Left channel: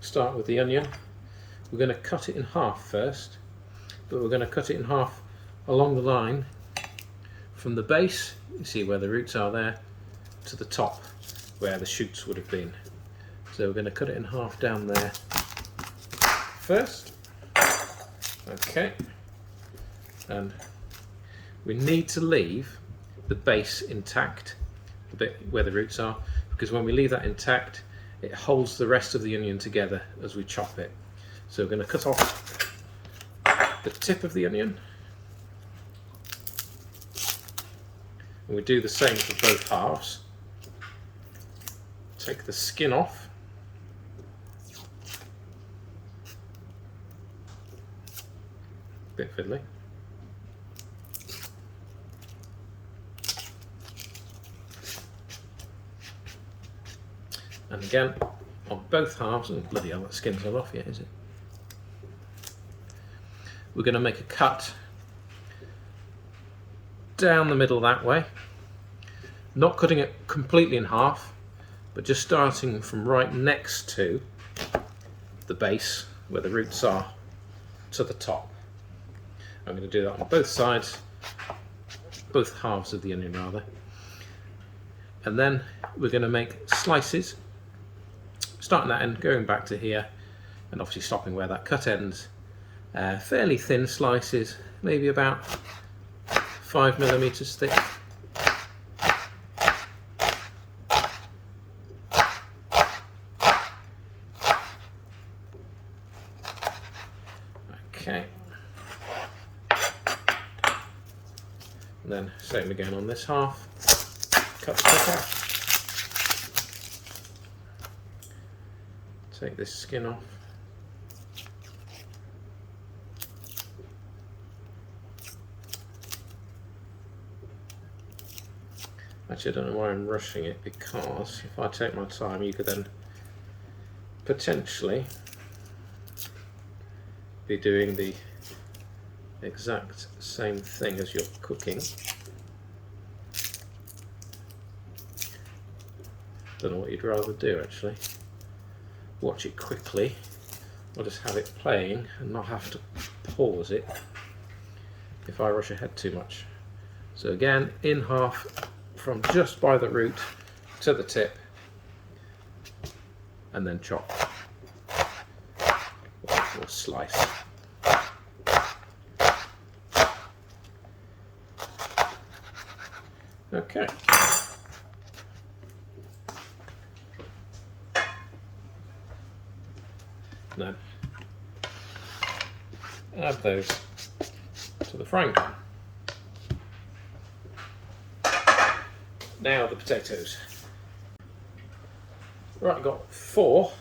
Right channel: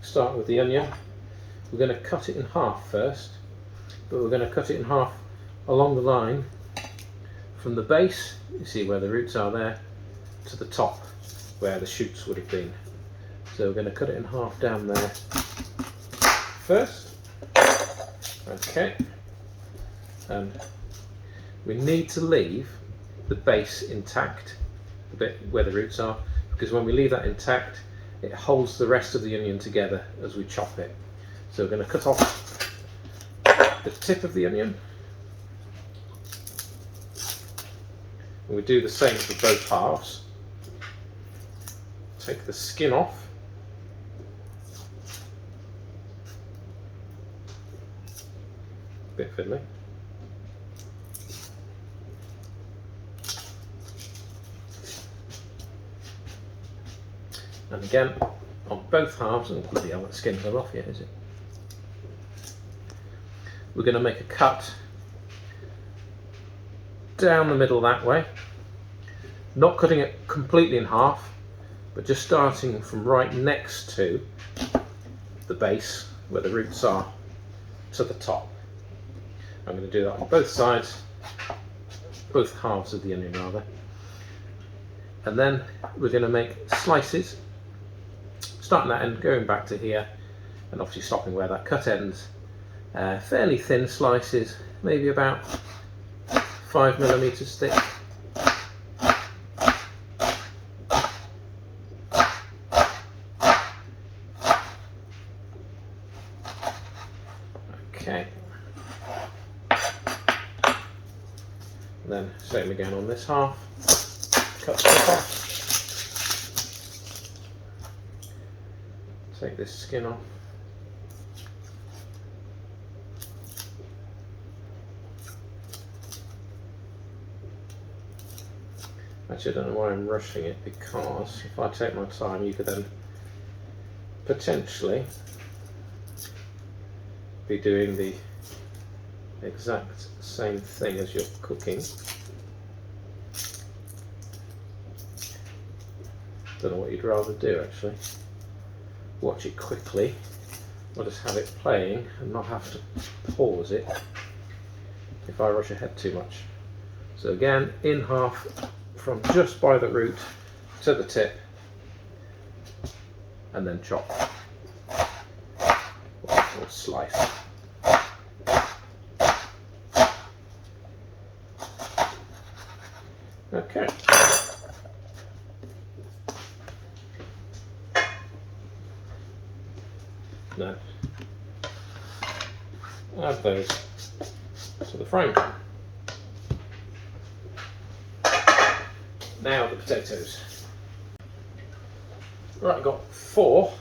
Start with the onion. We're going to cut it in half first, but we're going to cut it in half along the line from the base, you see where the roots are there, to the top where the shoots would have been. So we're going to cut it in half down there first. Okay, and we need to leave the base intact, the bit where the roots are, because when we leave that intact it holds the rest of the onion together as we chop it. So we're going to cut off the tip of the onion, and we do the same for both halves. Take the skin off, bit fiddly. And again, on both halves, and bloody hell, that skin's not off yet, is it? We're going to make a cut down the middle that way, not cutting it completely in half, but just starting from right next to the base, where the roots are, to the top. I'm going to do that on both sides, both halves of the onion rather. And then we're going to make slices, starting that end, going back to here, and obviously stopping where that cut ends. Fairly thin slices, maybe about 5mm thick. Okay. And then same again on this half. Cut the off. Take this skin off. Actually, I don't know why I'm rushing it, because if I take my time, you could then potentially be doing the exact same thing as you're cooking. Don't know what you'd rather do actually. Watch it quickly, or just have it playing and not have to pause it if I rush ahead too much. So again, in half from just by the root to the tip, and then chop or slice. Okay. Now add those to the frying pan. Now the potatoes. Right, I've got 4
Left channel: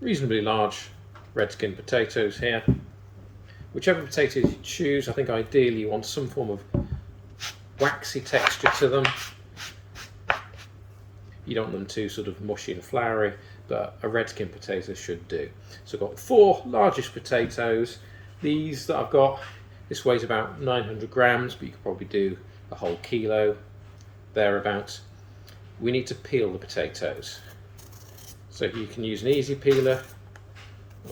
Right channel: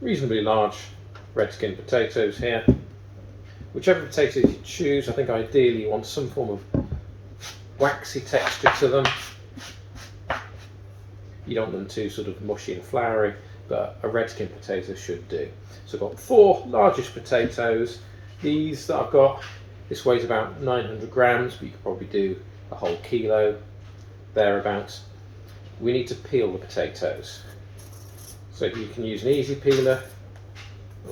reasonably large red skin potatoes here. Whichever potatoes you choose, I think ideally you want some form of waxy texture to them. You don't want them too sort of mushy and floury, but a red skin potato should do. So I've got 4 largish potatoes. These that I've got, this weighs about 900 grams, but you could probably do a whole kilo, thereabouts. We need to peel the potatoes. So you can use an easy peeler,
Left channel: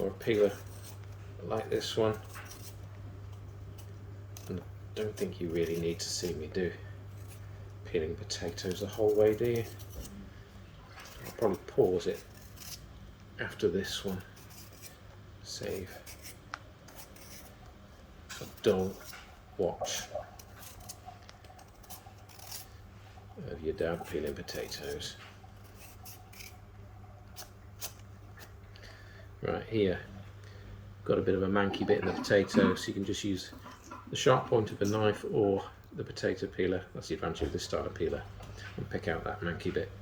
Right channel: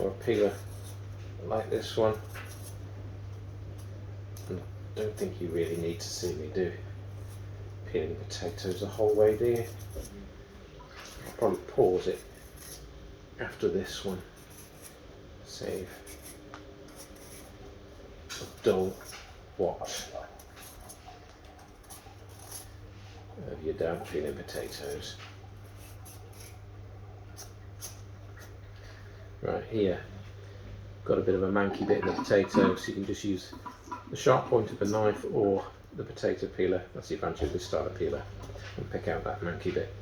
or a peeler like this one. And I don't think you really need to see me do peeling potatoes the whole way, do you? I'll probably pause it after this one. Save. Don't watch of your damn peeling potatoes. Right here, got a bit of a manky bit in the potato, so you can just use the sharp point of a knife or the potato peeler. That's the advantage of this style of peeler, and pick out that manky bit.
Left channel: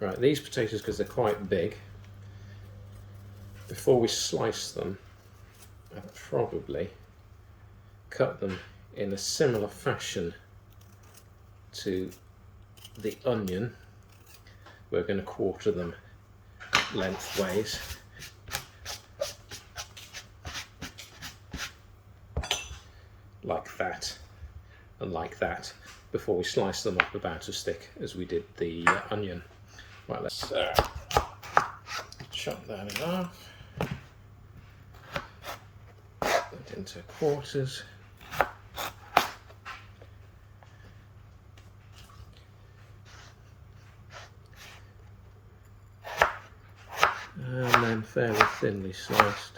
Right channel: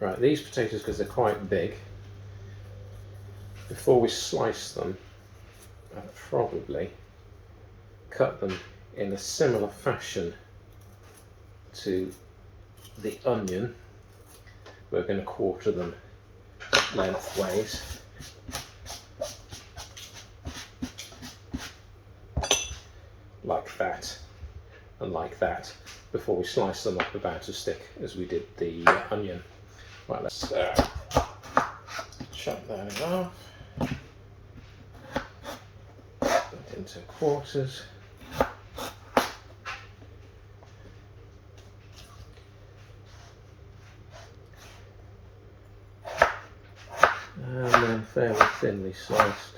Right, these potatoes, because they're quite big, before we slice them, I'd probably cut them in a similar fashion to the onion. We're going to quarter them lengthways. Like that. and like that before we slice them up about as thick as we did the onion. Right, let's chop that in half, put it into quarters. And then fairly thinly sliced.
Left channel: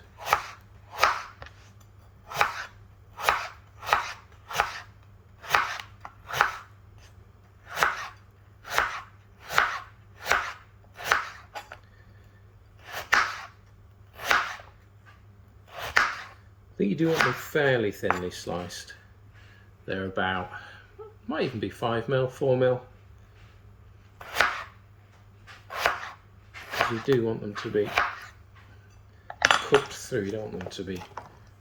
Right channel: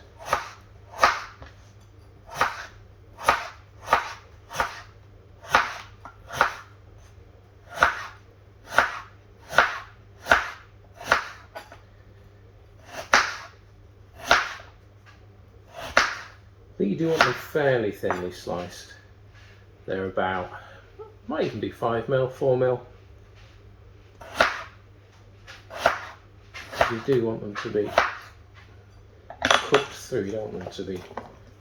I think you do want them fairly thinly sliced. They're about, might even be 5mm, 4mm. You do want them to be cooked through, you don't want them to be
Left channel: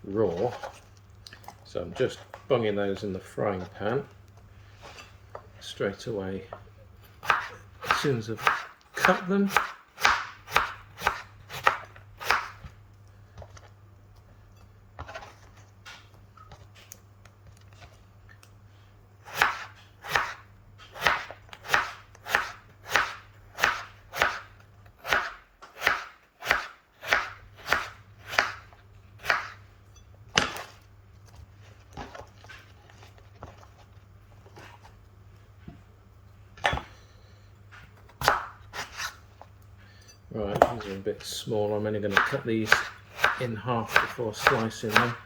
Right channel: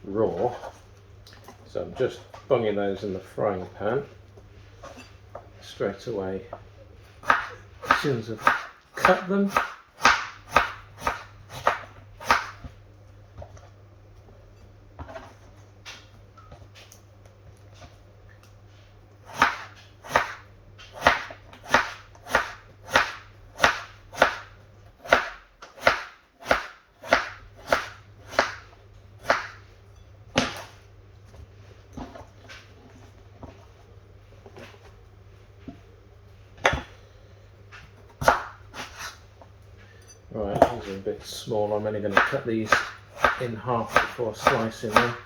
raw. So I'm just bunging those in the frying pan straight away as soon as I've cut them. Right, these are a bit small. I'm only going to cut these in half before slicing them.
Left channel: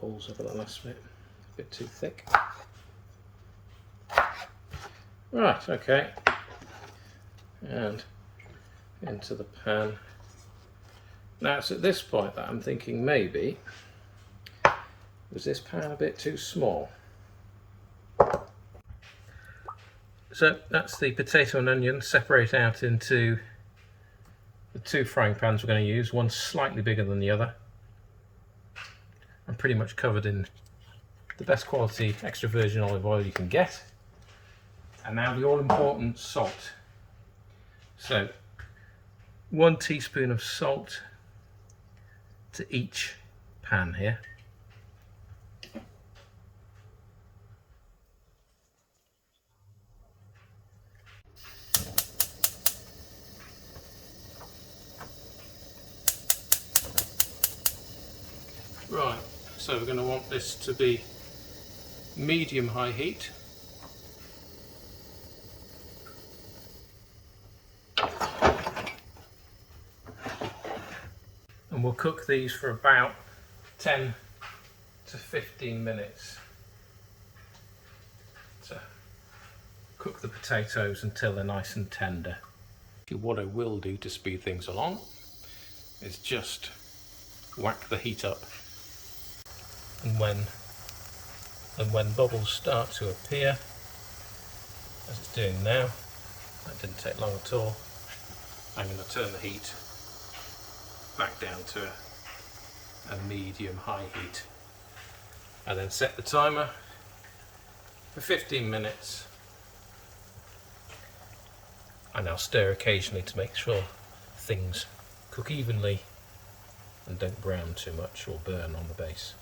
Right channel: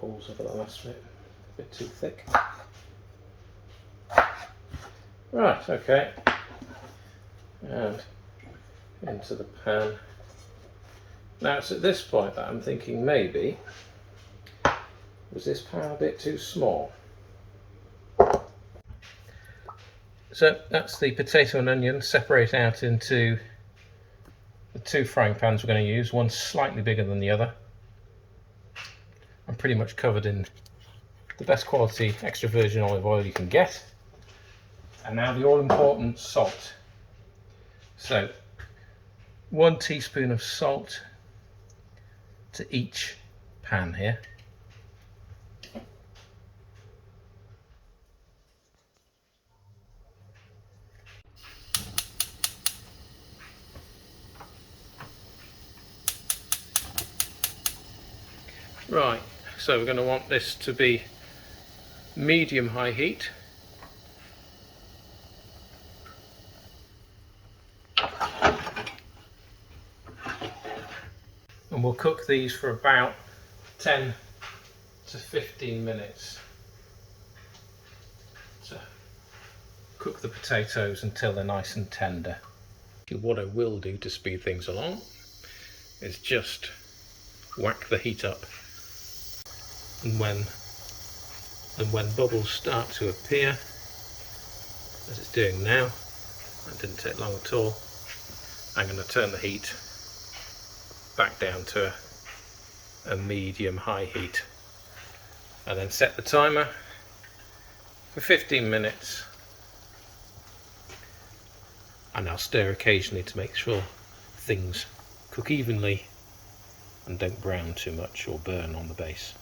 Pulls over the last bit, a bit too thick. Right, okay, and into the pan. Now it's at this point that I'm thinking maybe, was this pan a bit too small? So that's the potato and onion separate out into the two frying pans we're going to use, one slightly bigger than the other. I'm pretty much covered in the best quality extra virgin olive oil you can get. And now the all-important salt. So 1 teaspoon of salt to each pan here. Right, so we're going to want this to be medium-high heat. And we'll cook these for about 10 to 15 minutes. cook the potatoes until they're nice and tender. What I will do to speed things along is just whack the heat up, and when bubbles start to appear, as it's doing now, that didn't take long at all, I'm going to turn the heat back down to a medium-high heat, and then set the timer for 15 minutes, and I'll stir occasionally to make sure things cook evenly and don't brown too much or burn on the base.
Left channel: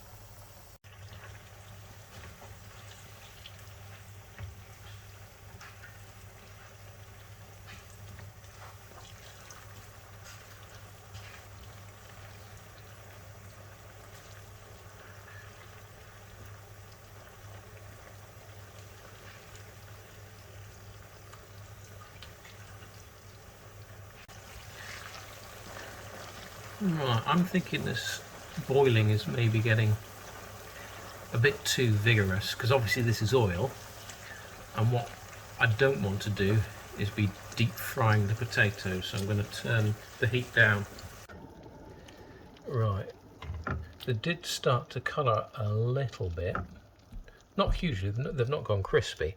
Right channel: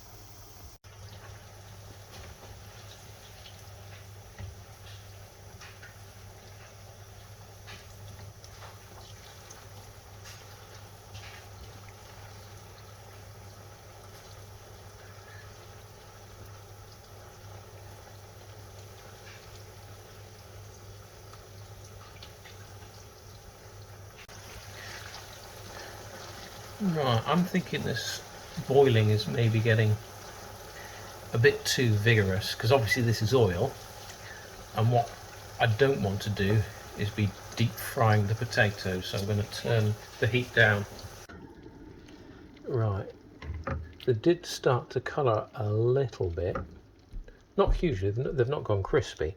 Right, I'm thinking this boiling is maybe getting a bit too vigorous, because obviously this is oil, and what I don't want to do is be deep frying the potatoes, so I'm going to turn the heat down. Right, they did start to colour a little bit, not hugely, they've not gone crispy,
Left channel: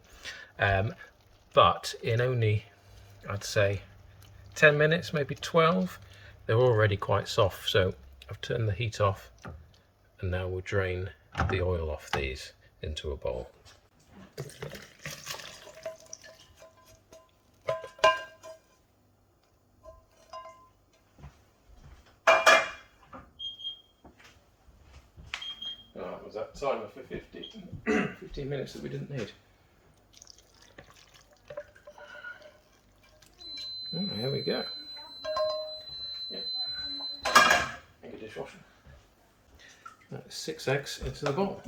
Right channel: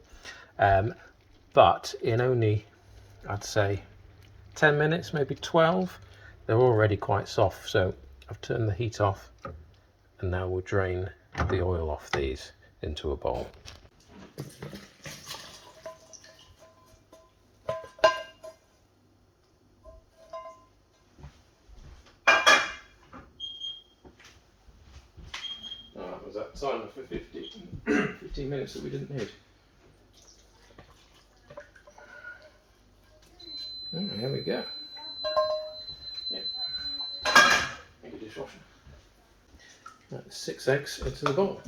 but in only, I'd say, 10 minutes, maybe 12, they're already quite soft. So I've turned the heat off, and now we'll drain the oil off these into a bowl. Right, was that timer for 15 minutes that we didn't need? Here we go. Yep. Make a dishwasher. That's 6 eggs into the bowl.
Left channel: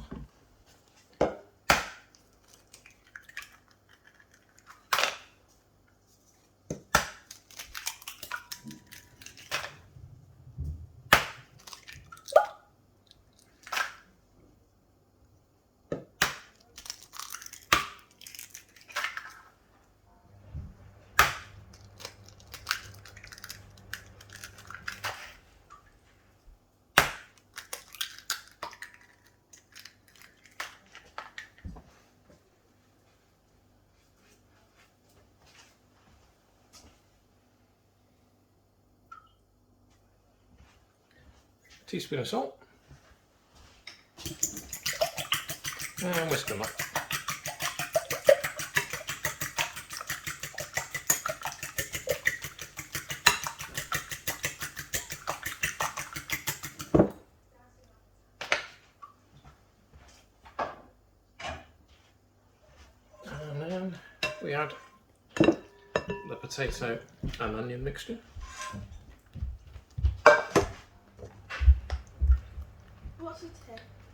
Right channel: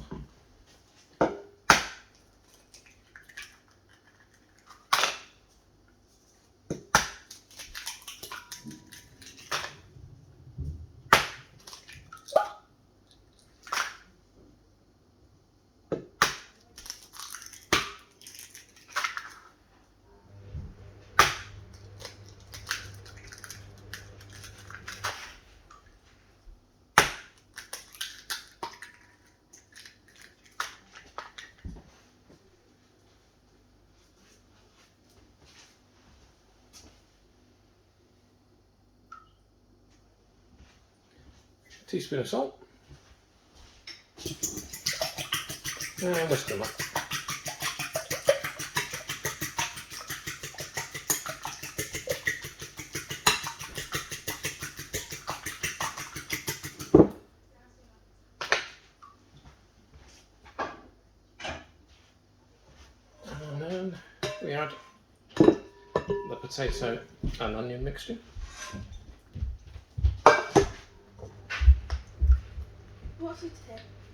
Teaspoon of salt, and whisk them up. And then we add the potato and onion mixture. What's it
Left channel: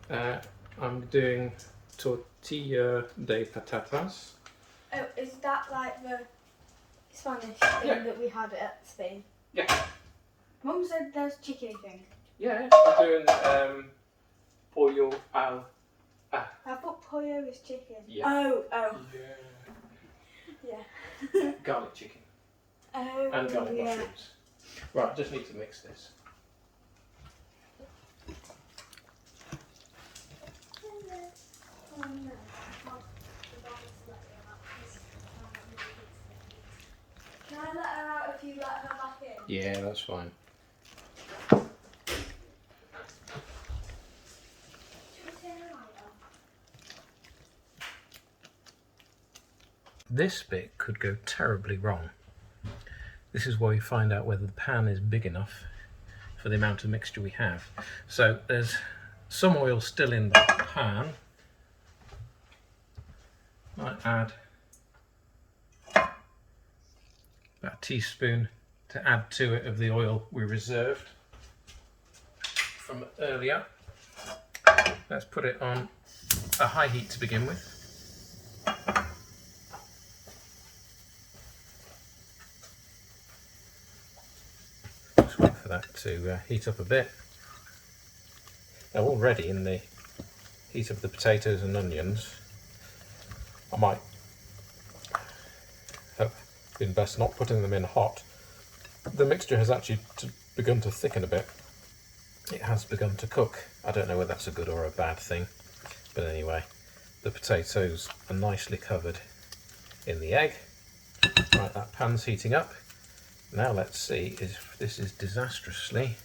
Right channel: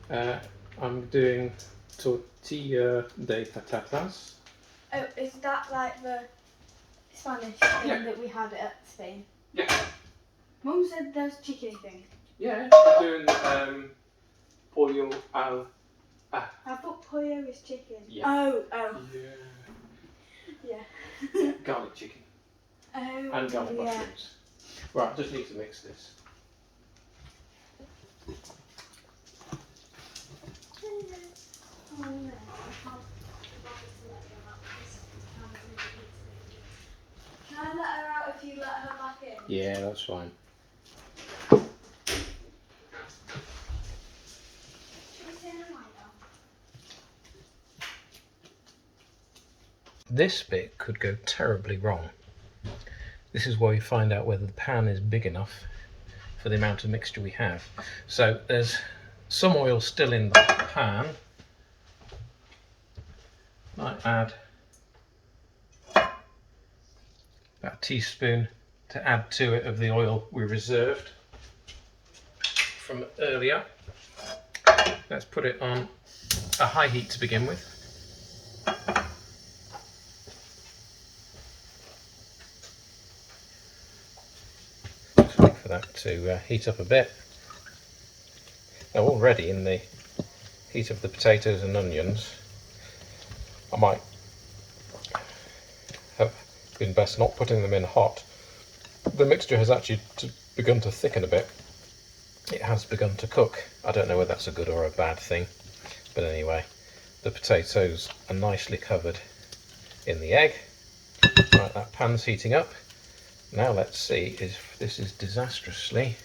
today? I'm doing Tortilla de Patatas. Oh, is that like the Spanish thing that we had at Spain? Yeah. Mum said there's chickeny things. Yeah, I'm doing pollo al... I thought pollo is chicken. Yeah. Oh. Yeah. Yeah. Garlic chicken. Oh. And garlic yeah. mushrooms. Right, just need to mix this. Can I let her out if you let her back in? Yeah, that's fine. Should we turn the light on? This bit could go terribly wrong. This is where we find out whether the pan is big enough for the amount of mixture we have. So there's some oil still in the pan. Might add about a teaspoon to add to it of the oil we reserved from earlier. Let's put it on a high heat to begin with. Just wait for that to heat up a bit. Now, already in the heat of the potatoes and onions, I might been best not putting them in hot. The mixture has actually begun to thicken a bit. It has begun to cook. I don't know whether that's a good or a bad thing, but anyway, the potatoes are nicely covered in the egg. Right, that pan's heating up. Now let's see if this is disastrously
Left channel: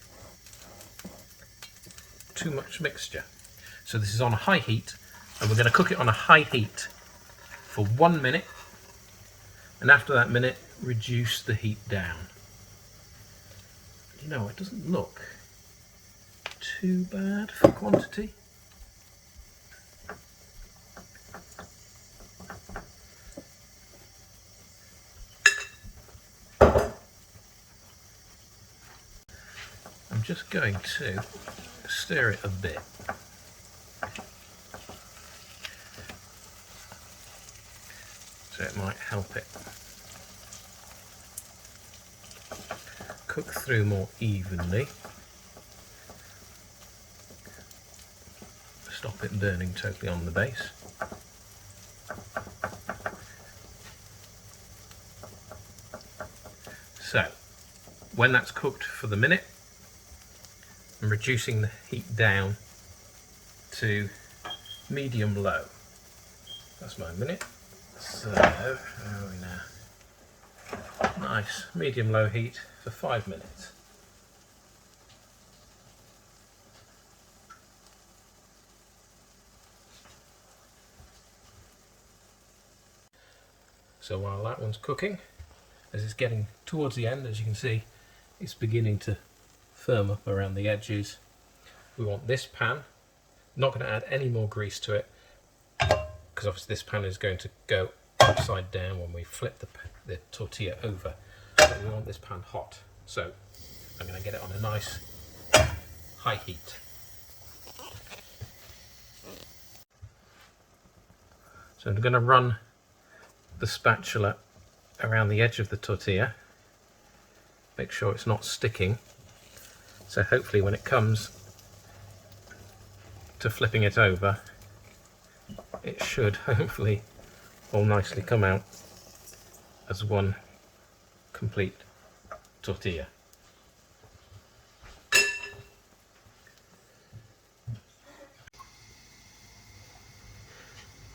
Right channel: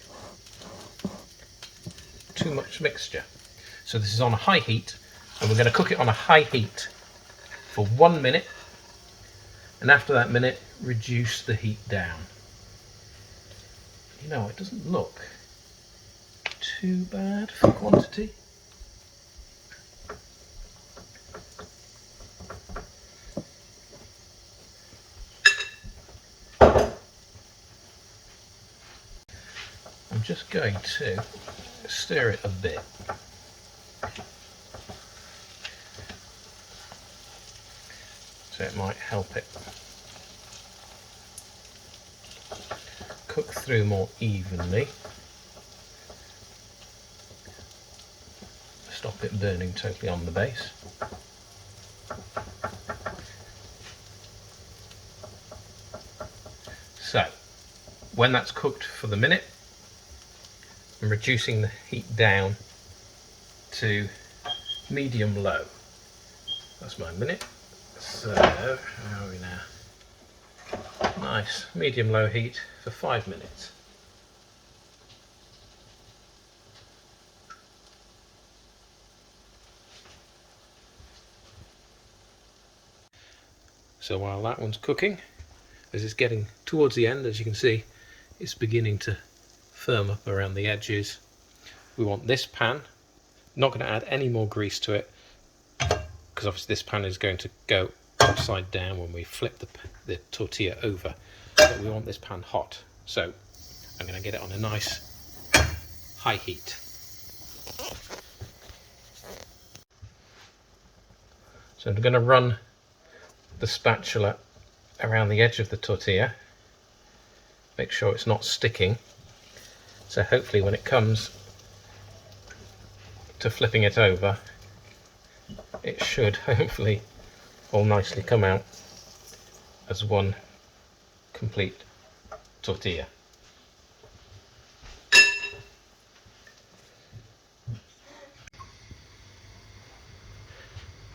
too much mixture. So this is on a high heat, and we're going to cook it on a high heat for 1 minute, and after that minute reduce the heat down. You know, it doesn't look too bad for quantity. I'm just going to stir it a bit. So it might help it cook through more evenly. Stop it burning totally on the base. So, when that's cooked for the minute, I'm reducing the heat down to medium low. That's my minute. So, how are we now? Nice, medium low heat for 5 minutes. So while that one's cooking, as it's getting towards the end, as you can see, it's beginning to firm up around the edges. We want this pan, not going to add any more grease to it, because obviously this pan is going to go upside down when we flip the tortilla over, but we want this pan hot. So I'm going to get it on a nice high heat. So I'm going to run the spatula around the edge of the tortilla, make sure it's not sticking, so hopefully when it comes to flipping it over, it should hopefully all nicely come out as one complete tortilla.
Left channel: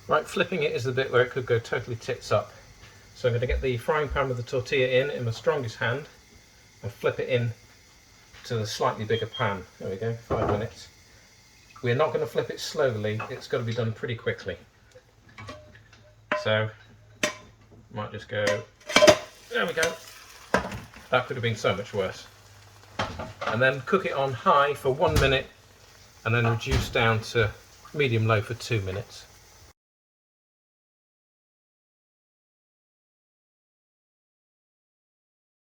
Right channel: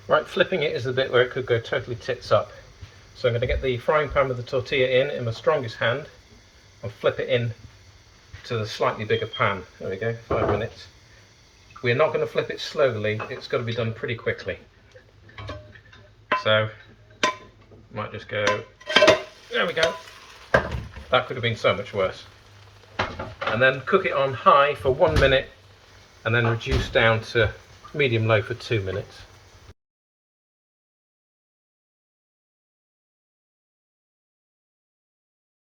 Right, flipping it is the bit where it could go totally tits up. So I'm going to get the frying pan with the tortilla in my strongest hand and flip it in to the slightly bigger pan. There we go, 5 minutes. We're not going to flip it slowly, it's got to be done pretty quickly. So, might just go, there we go. That could have been so much worse. And then cook it on high for 1 minute and then reduce down to medium low for 2 minutes.